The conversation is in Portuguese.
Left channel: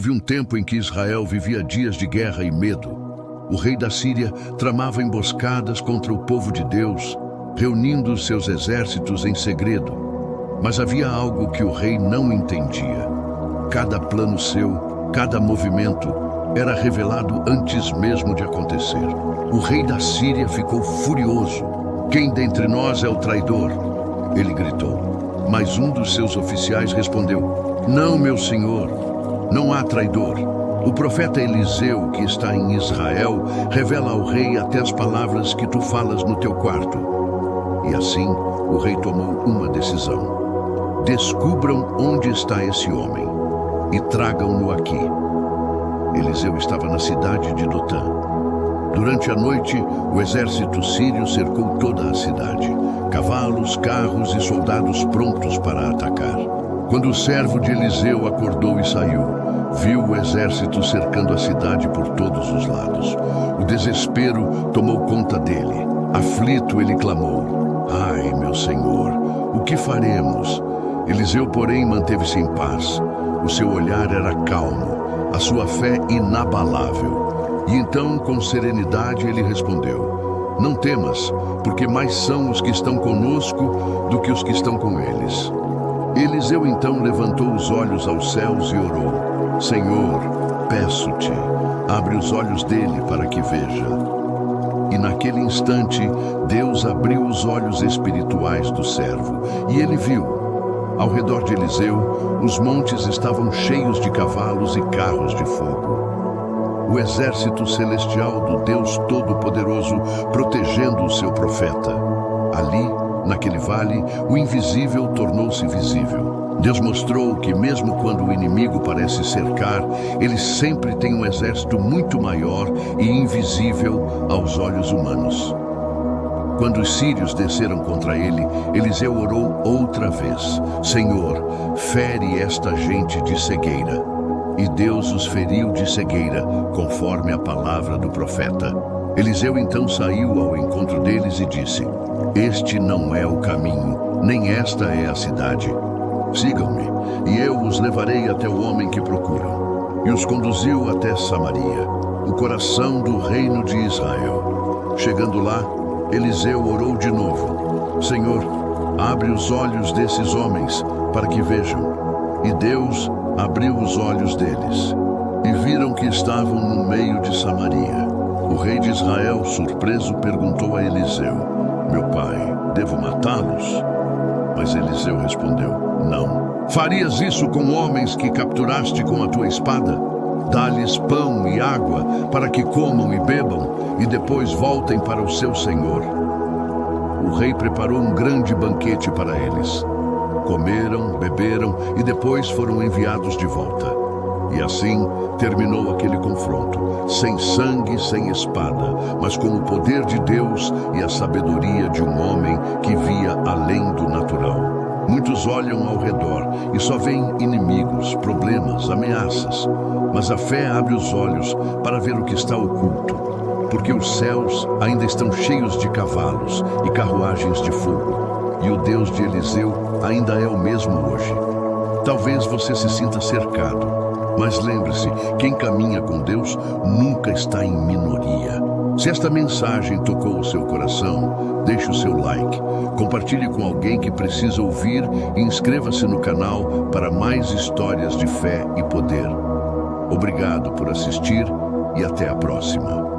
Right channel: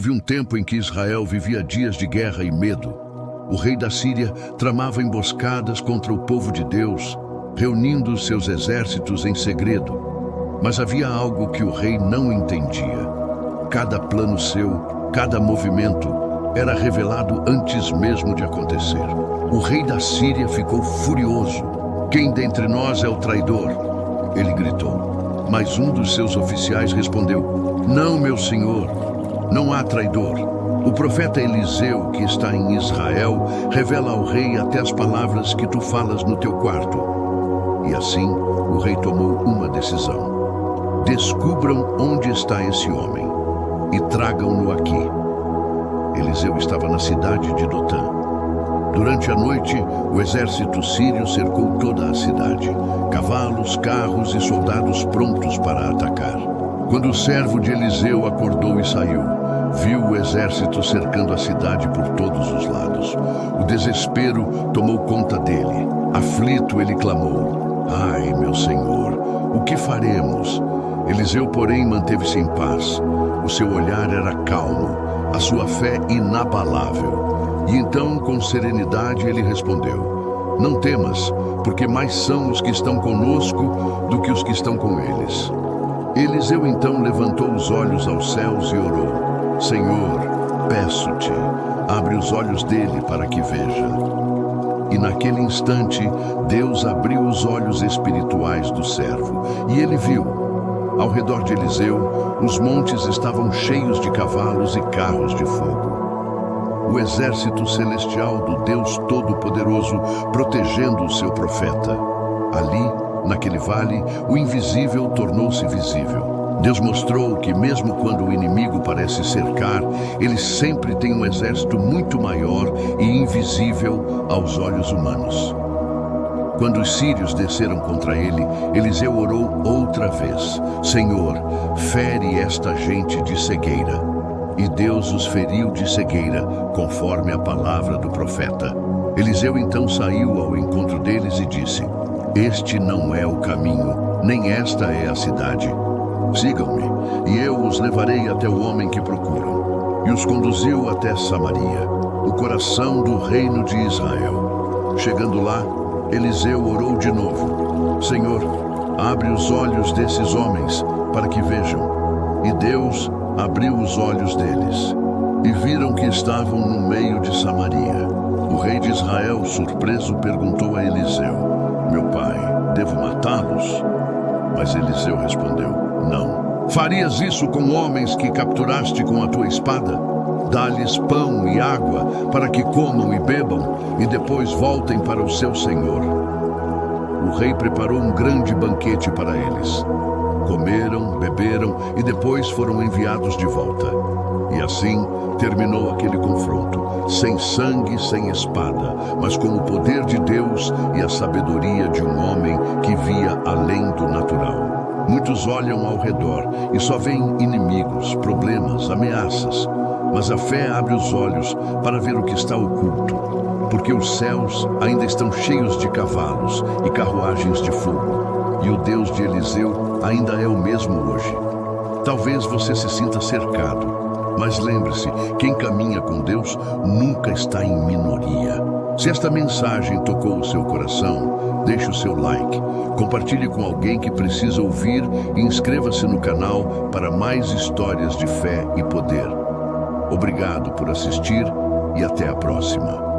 Houve um tempo em que Israel vivia dias de guerra e medo. O rei da Síria tramava emboscadas contra o povo de Deus, reunindo seus exércitos em segredo. Mas havia algo que o rei não entendia. Cada plano seu, cada movimento, era revelado antes mesmo de acontecer. O rei da Síria ficou furioso. "Quem dentre nós é o traidor?" ele gritou. Mas um dos seus oficiais respondeu: "Não, meu senhor, não há traidor. O profeta Eliseu, que está em Israel, revela ao rei até as palavras que tu falas no teu quarto." E assim, o rei tomou uma decisão: "Descubram onde está esse homem e tragam-no aqui." Eliseu estava na cidade de Dotã. Durante a noite, o exército sírio cercou toda a cidade. Cavalos, carros e soldados prontos para atacar. Quando o servo de Eliseu acordou e saiu, viu o exército cercando a cidade por todos os lados. O desespero tomou conta dele. Aflito, ele clamou: "Ai, meu senhor, o que faremos?" Eliseu, porém, manteve-se em paz. O seu olhar era calmo, a sua fé inabalável. E então, com serenidade, ele respondeu: "Não temas, porque mais são os que estão conosco do que os que estão com eles." Eliseu então levantou os olhos aos céus e orou: "Senhor, peço-te, abre os olhos dele para que veja." E naquele instante, Deus abriu os olhos espirituais do servo, e ele viu. Ao redor de Eliseu, os montes estavam cheios de cavalos e carros de fogo. O exército celestial do Deus Todo-Poderoso protegendo o seu profeta. Ali, naquele vale, o invisível tornou-se visível. Deus mostrou que mesmo quando o inimigo parece cercar, ele sempre tem um exército muito maior e invisível aos olhos humanos. Quando os sírios desceram contra ele, Eliseu orou outra vez: "Senhor, fere esta gente de cegueira." E Deus os feriu de cegueira, conforme a palavra do profeta. Eliseu então saiu ao encontro deles e disse: "Este não é o caminho, nem esta é a cidade. Sigam-me, e eu os levarei até o homem que procuram." E os conduziu até Samaria, o coração do reino de Israel. Chegando lá, Eliseu orou de novo: "Senhor, abre os olhos desses homens para que vejam." E Deus abriu os olhos deles, e viram que estavam no meio de Samaria. O rei de Israel, surpreso, perguntou a Eliseu: "Meu pai, devo matá-los?" Mas Eliseu respondeu: "Não. Farias isso com homens que capturaste com a tua espada? Dá-lhes pão e água para que comam e bebam, e depois voltem para o seu senhor." O rei preparou um grande banquete para eles. Comeram, beberam e depois foram enviados de volta. E assim terminou aquele confronto, sem sangue, sem espada, mas com o poder de Deus e a sabedoria de um homem que via além do natural. Muitos olham ao redor e só veem inimigos, problemas, ameaças. Mas a fé abre os olhos para ver o que está oculto, porque os céus ainda estão cheios de cavalos e carruagens de fogo. E o Deus de Eliseu ainda é o mesmo hoje. Talvez você se sinta cercado, mas lembre-se, quem caminha com Deus nunca está em minoria. Se esta mensagem tocou o seu coração, deixe o seu like, compartilhe com alguém que precisa ouvir e inscreva-se no canal para mais histórias de fé e poder. Obrigado por assistir e até a próxima.